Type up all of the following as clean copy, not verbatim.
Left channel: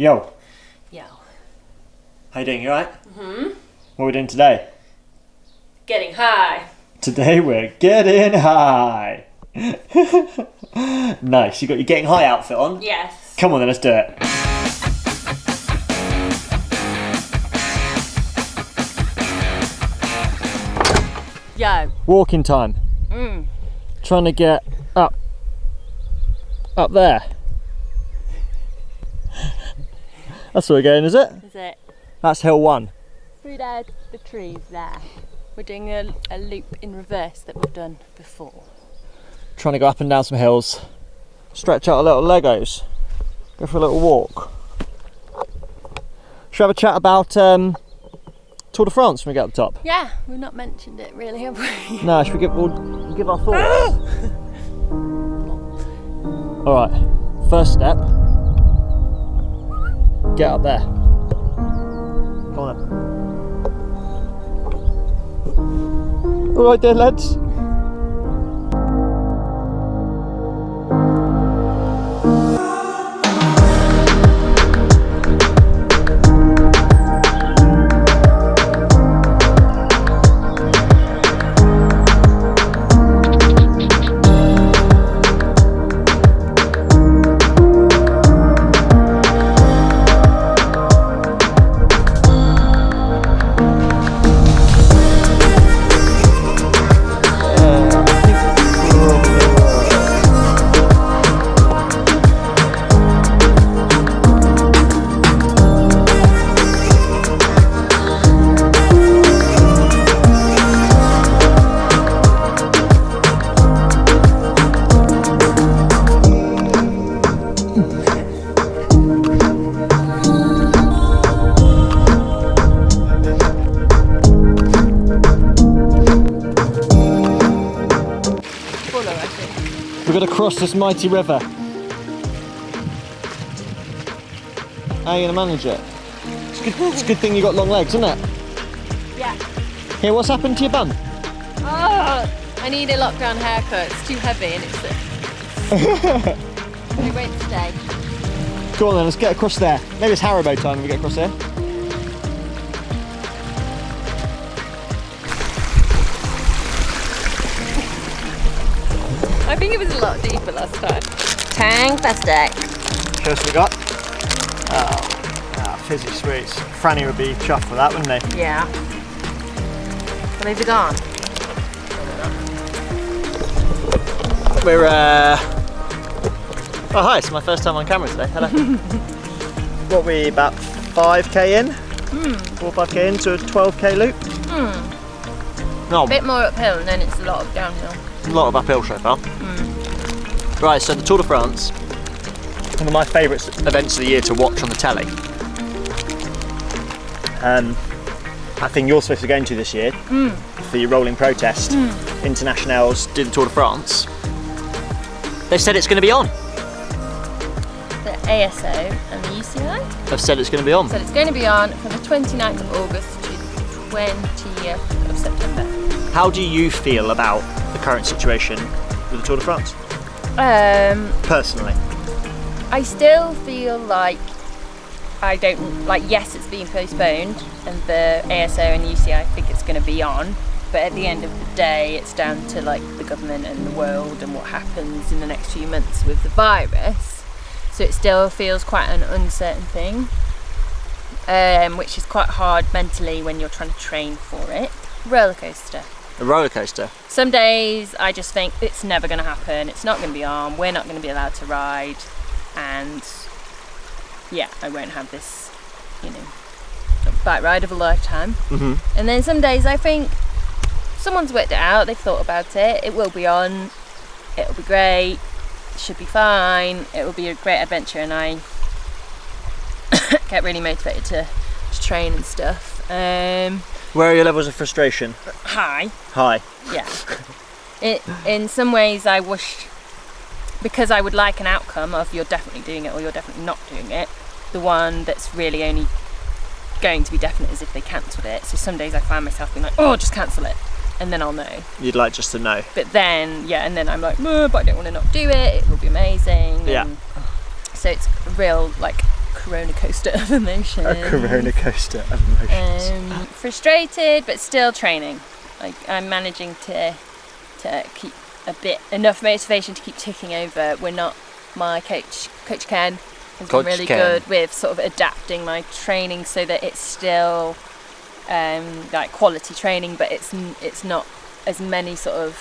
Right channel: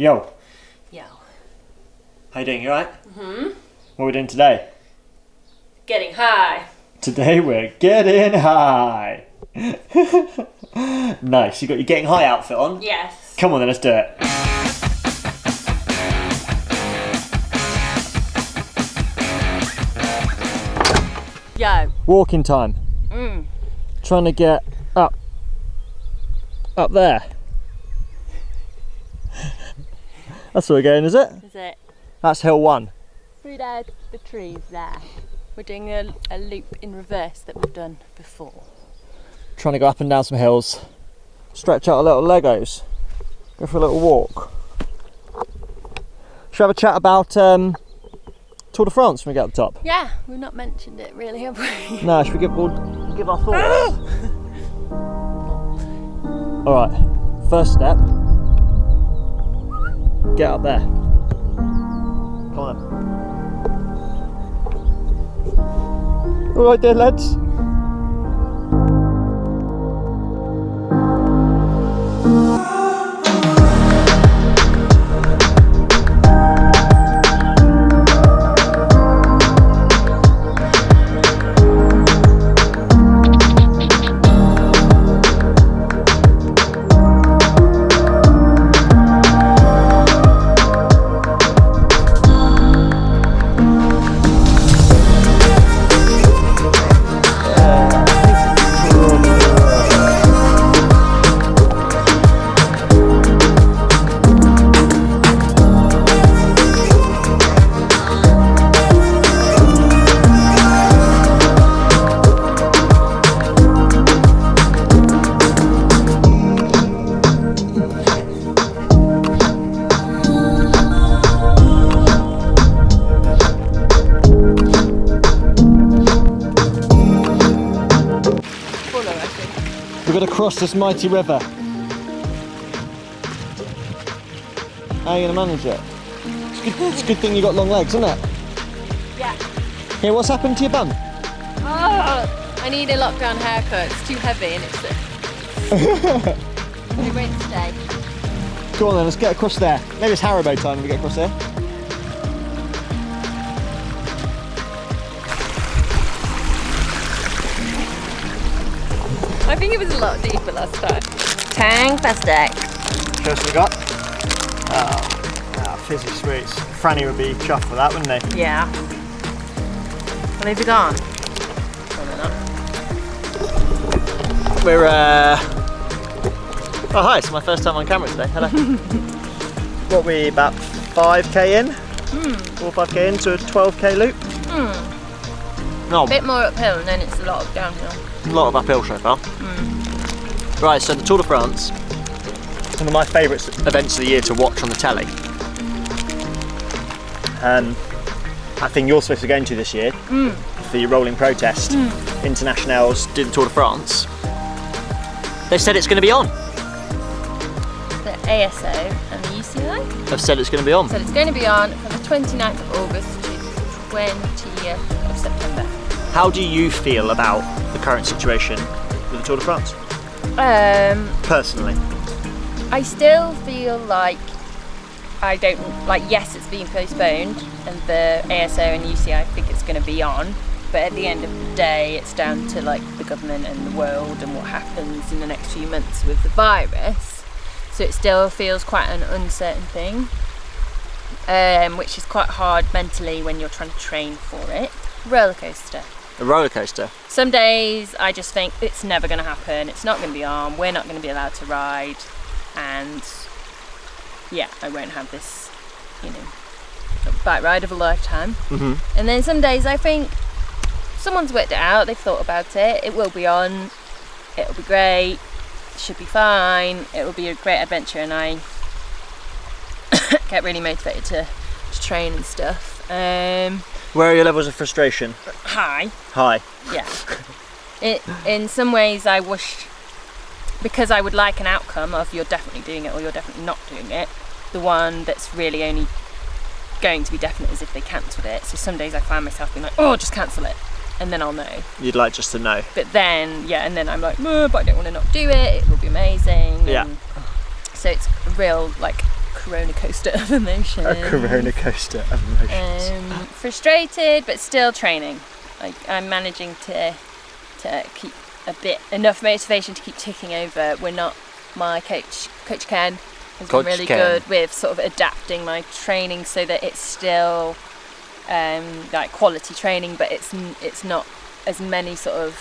Yo. Yo. How you doing? You alright? Mm-hmm. What are we doing today? Getting high. Today we're getting high. Nice. You got your getting high outfit on? Yes. Come on then, let's do it. Yo. Walking time. Trying to get up there. That's where we're going, is it? Is it? That's hill 1. Through there, the trees there. We're doing a loop in reverse that we've done before. Trying to go up and down some hills. Stretch out our little Legos. Go for a little walk. Should we have a chat about Tour de France when we get up the top? Yeah, we've not mentioned it really, have we? No, should we we'll give our thoughts? Alright, first step. Get up there. Come on then. Alright then, lads. We've got to cross this mighty river. How are you going to manage it? It's a good thing you got long legs, isn't it? Yeah. Here, what's happened to your bum? Oh, I need a lockdown haircut. It's too heavy and it won't stay. Go on then, let's get across there. Maybe it's Haribo time when we get across there. I think it was a lot deeper last time. Fantastic. Show us what we got. Oh, fizzy sweets. Franny would be chuffed for that, wouldn't he? Yeah. Well, they've gone. We're oh hi, it's my first time on camera today. Hello. What are we, about 5k in? 4 or 5k into a 12k loop? No. A bit more uphill and then it's a lot of downhill. A lot of uphill so far. Right, so the Tour de France, one of my favourite events of the year to watch on the telly. I think you're supposed to be going to this year for your rolling protest. Internationals do the Tour de France. They said it's going to be on. The ASO and the UCI They've said it's going to be on. said it's going to be on from the 29th of August to the 20th of September. How do you feel about the current situation with the Tour de France? Personally, I still feel like yes, it's being postponed and the ASO and UCI think it's going to be on, but at the end of the day it's down to like the government and the world and what happens in the next few months with the virus, so it still feels quite an uncertain thing, which is quite hard mentally when you're trying to train for it. Roller coaster. A roller coaster. Some days I just think it's never going to happen, it's not going to be on, we're not going to be allowed to ride, and yeah, I won't have this, bike ride of a lifetime. And then some days I think someone's worked it out, they've thought about it, it will be on, it'll be great, it should be fine, it will be a great adventure, and I get really motivated to train and stuff. Where are your levels of frustration? High. Yeah. In some ways I wish, because I would like an outcome of you're definitely doing it or you're definitely not doing it, the one that's really only going to be definite is if they cancelled it. So some days I find myself being like, oh, just cancel it, and then I'll know. You'd like just to know. But then, yeah, and then I'm like, but I don't want to not do it, it will be amazing. Yeah. And so it's a real, like, corona coaster of emotions. A corona coaster of emotions. Frustrated, but still training. Like, I'm managing to keep enough motivation to keep ticking over. We're not, my coach Ken, has been really good with sort of adapting my training so that it's still like quality training, but it's not as many sort of,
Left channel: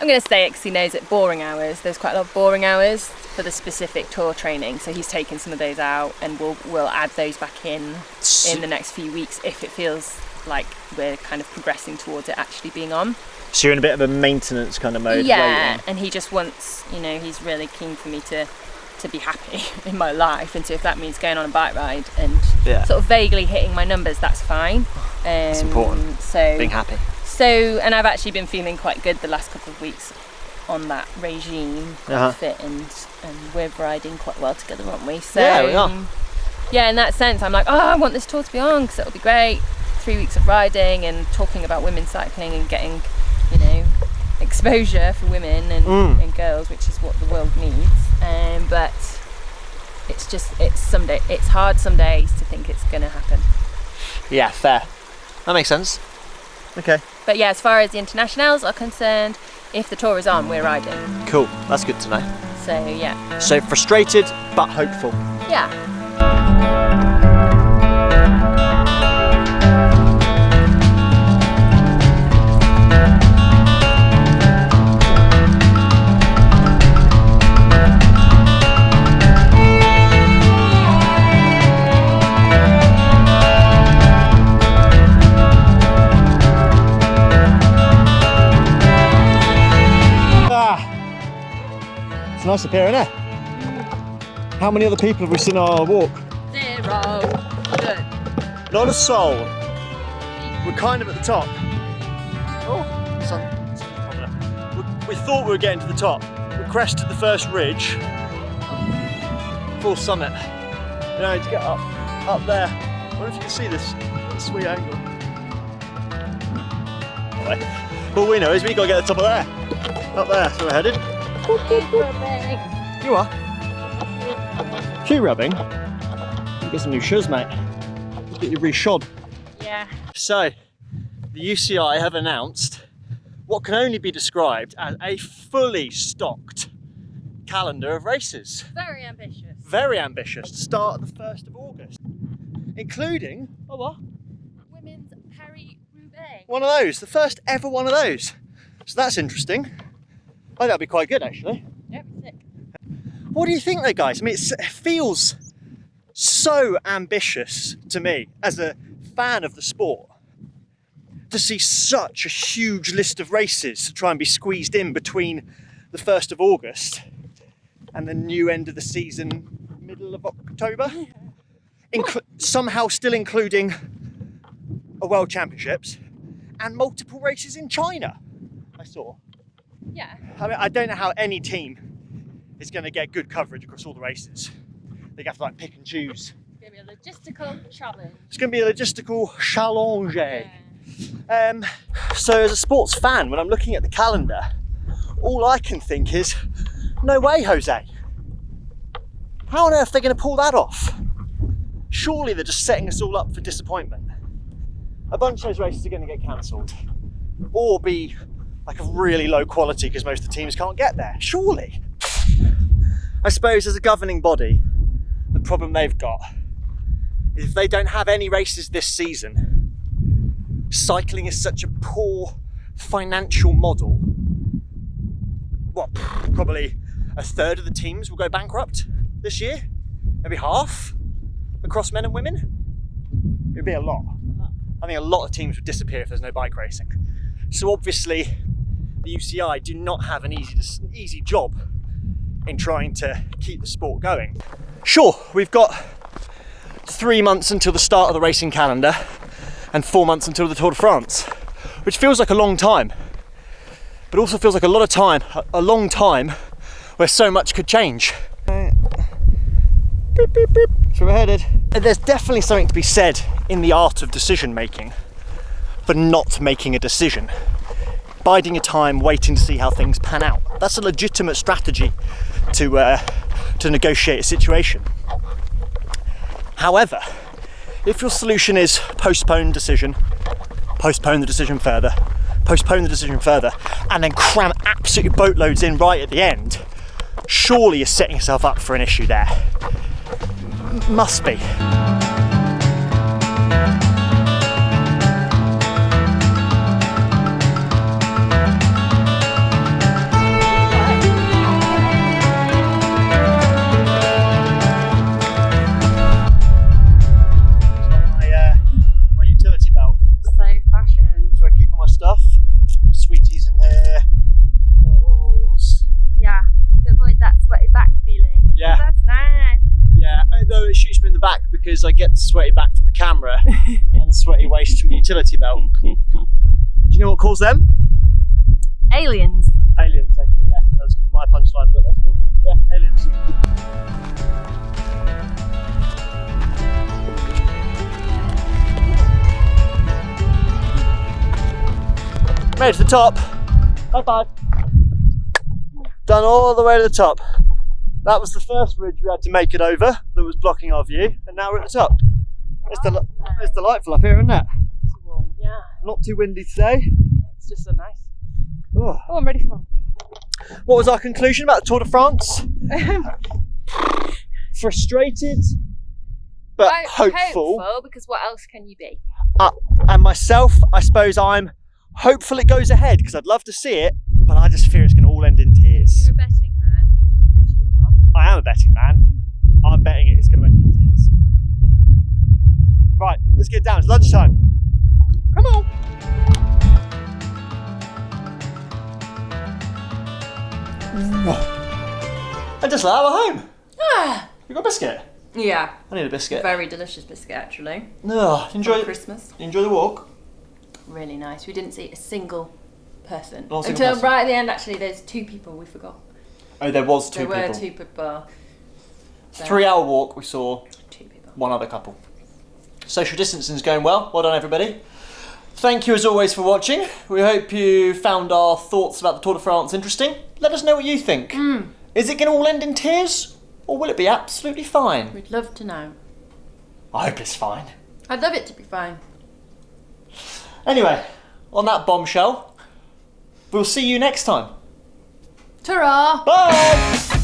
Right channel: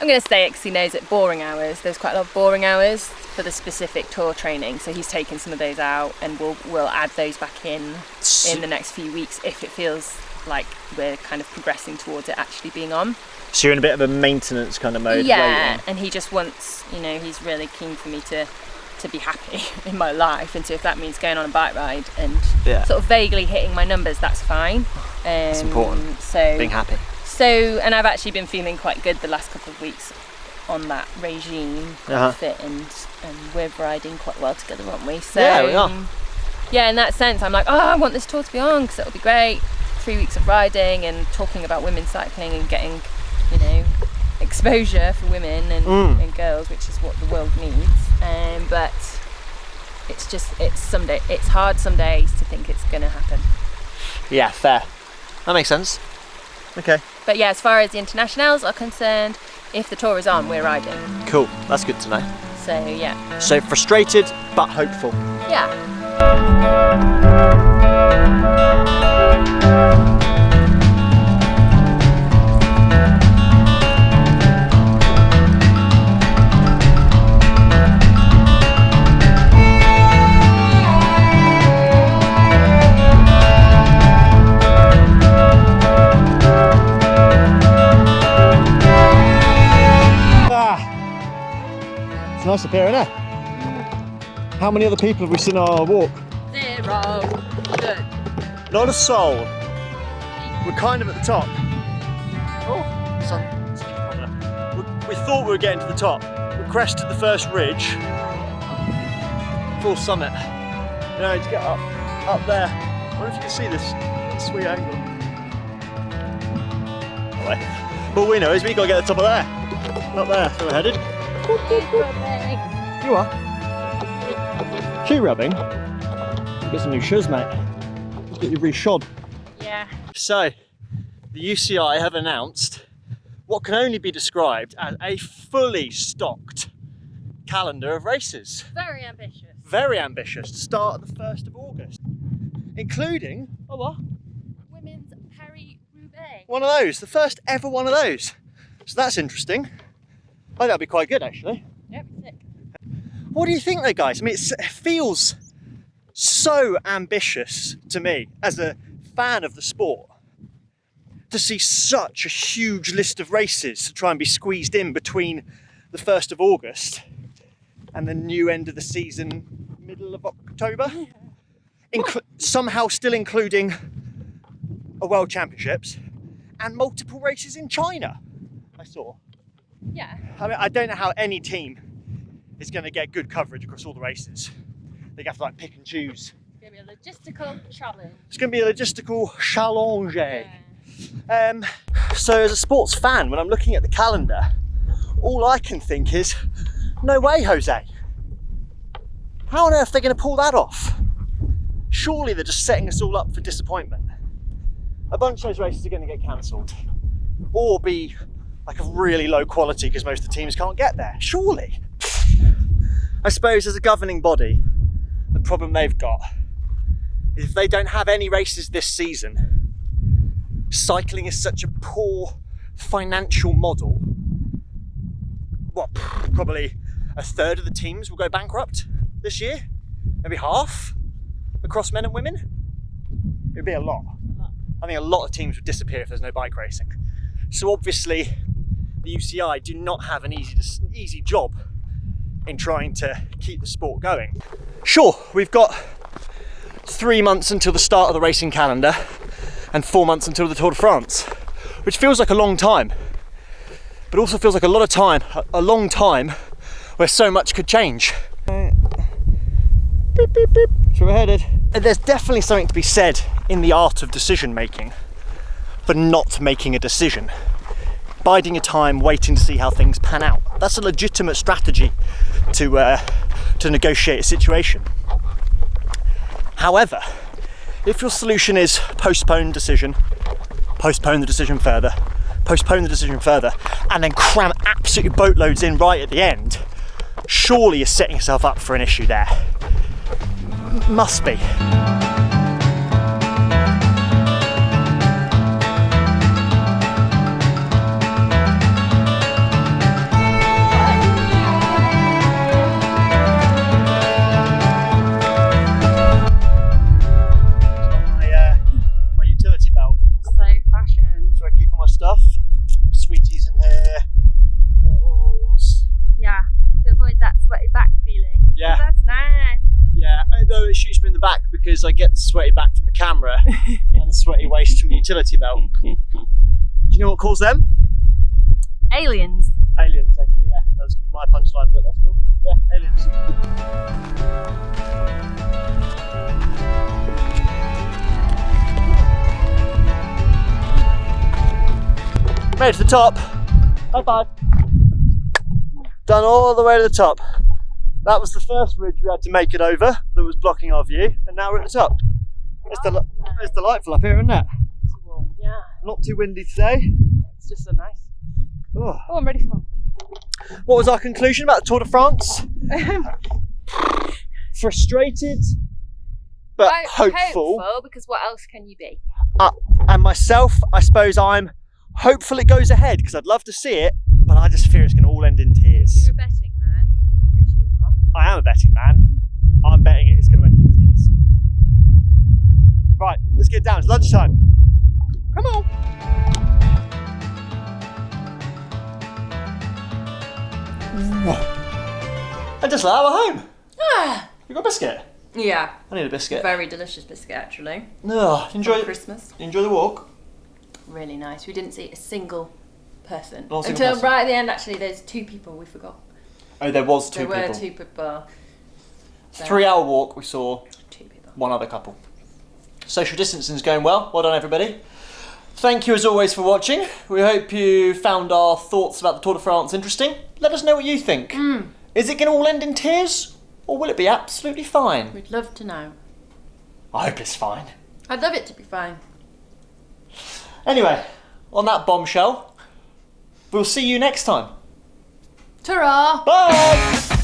I'm going to say it because he knows it, boring hours. There's quite a lot of boring hours for the specific tour training, so he's taken some of those out, and we'll add those back in the next few weeks if it feels like we're kind of progressing towards it actually being on. So you're in a bit of a maintenance kind of mode. Yeah, waiting. And he just wants, he's really keen for me to be happy in my life, and so if that means going on a bike ride and sort of vaguely hitting my numbers, that's fine. It's important. So being happy. So, and I've actually been feeling quite good the last couple of weeks on that regime, fit, and we're riding quite well together, aren't we? So, yeah, we are. Yeah, in that sense, I'm like, I want this tour to be on because it'll be great. 3 weeks of riding and talking about women's cycling and getting, exposure for women and girls, which is what the world needs. But it's hard some days to think it's going to happen. Yeah, fair. That makes sense. Okay. But yeah, as far as the internationals are concerned, if the tour is on, we're riding. Cool, that's good to know. So yeah. So frustrated but hopeful. Yeah. Nice up here, isn't it? How many other people have we seen on our walk? 0. Good. Not a soul. We're kind of at the top. Oh, sun's coming up. We thought we were getting to the top. We crested the first ridge. Full summit. To get up there. I wonder if you can see this sweet angle. Anyway, all we know is we got to get to the top of there. Up there, so we're headed. You are? Shoe rubbing? You get some new shoes, mate. Let's get you re-shod. Yeah. So, the UCI have announced what can only be described as a fully stocked calendar of races. Very ambitious. Very ambitious. To start at the 1st of August. Including, Women's Paris-Roubaix. One of those. The first ever one of those. So that's interesting. I think that'd be quite good, actually. Yep, sick. What do you think, though, guys? I mean, it feels so ambitious to me as a fan of the sport to see such a huge list of races to try and be squeezed in between the 1st of August and the new end of the season, middle of October. Somehow still including a World Championships and multiple races in China, I saw. Yeah. I mean, I don't know how any team is going to get good coverage across all the races. They have to pick and choose. It's going to be a logistical challenge. It's going to be a logistical challenge. Yeah. So as a sports fan, when I'm looking at the calendar, all I can think is, no way, Jose. How on earth are they going to pull that off? Surely they're just setting us all up for disappointment. A bunch of those races are going to get cancelled or be of really low quality because most of the teams can't get there. Surely. I suppose as a governing body, the problem they've got is if they don't have any races this season, cycling is such a poor financial model. Probably a third of the teams will go bankrupt this year? Maybe half across men and women? It'd be a lot. I think a lot of teams would disappear if there's no bike racing. So obviously, the UCI do not have an easy job in trying to keep the sport going. Sure, we've got 3 months until the start of the racing calendar and 4 months until the Tour de France, which feels like a long time, but also feels like a long time where so much could change. Beep, beep, beep. So we're headed. There's definitely something to be said in the art of decision making for not making a decision. Biding your time, waiting to see how things pan out. That's a legitimate strategy to negotiate a situation. However, if your solution is postpone the decision further, and then cram absolutely boatloads in right at the end, surely you're setting yourself up for an issue there. Must be. Stuff, sweeties in here, bottles. Yeah, to avoid that sweaty back feeling. Yeah, that's nice. Yeah, although it shoots me in the back because I get the sweaty back from the camera and the sweaty waste from the utility belt. Do you know what calls them? Aliens. Aliens, actually, yeah. That was going to be my punchline, but that's cool. Yeah, aliens. Made it to the top. High five. Done all the way to the top. That was the first ridge we had to make it over that was blocking our view, and now we're at the top. It's delightful up here, isn't it? Too warm, yeah. Not too windy today. It's just so nice. Oh, I'm ready for more. What was our conclusion about the Tour de France? Frustrated, but hopeful. Because what else can you be? And myself, I suppose I'm hopeful it goes ahead because I'd love to see it, but I just fear it's going to all end in tears. You're a betting man, which you are. I am a betting man. I'm betting it's going to end in tears. Right, let's get down. It's lunchtime. Come on. And just like, we're home. You got a biscuit? Yeah. I need a biscuit. Very delicious biscuit, actually. No, enjoy Christmas. Enjoy the walk. Really nice. We didn't see a single person. Not a single person. Right at the end, actually, there's 2 people we forgot. Oh, there was 2 people. There were 2 people. 3-hour walk, we saw 2 people. 1 other couple. Social distancing is going well. Well done, everybody. Thank you as always for watching. We hope you found our thoughts about the Tour de France interesting. Let us know what you think. Is it going to all end in tears, or will it be absolutely fine? We'd love to know. I hope it's fine. I'd love it to be fine. Anyway, on that bombshell, we'll see you next time. Ta-ra! Bye!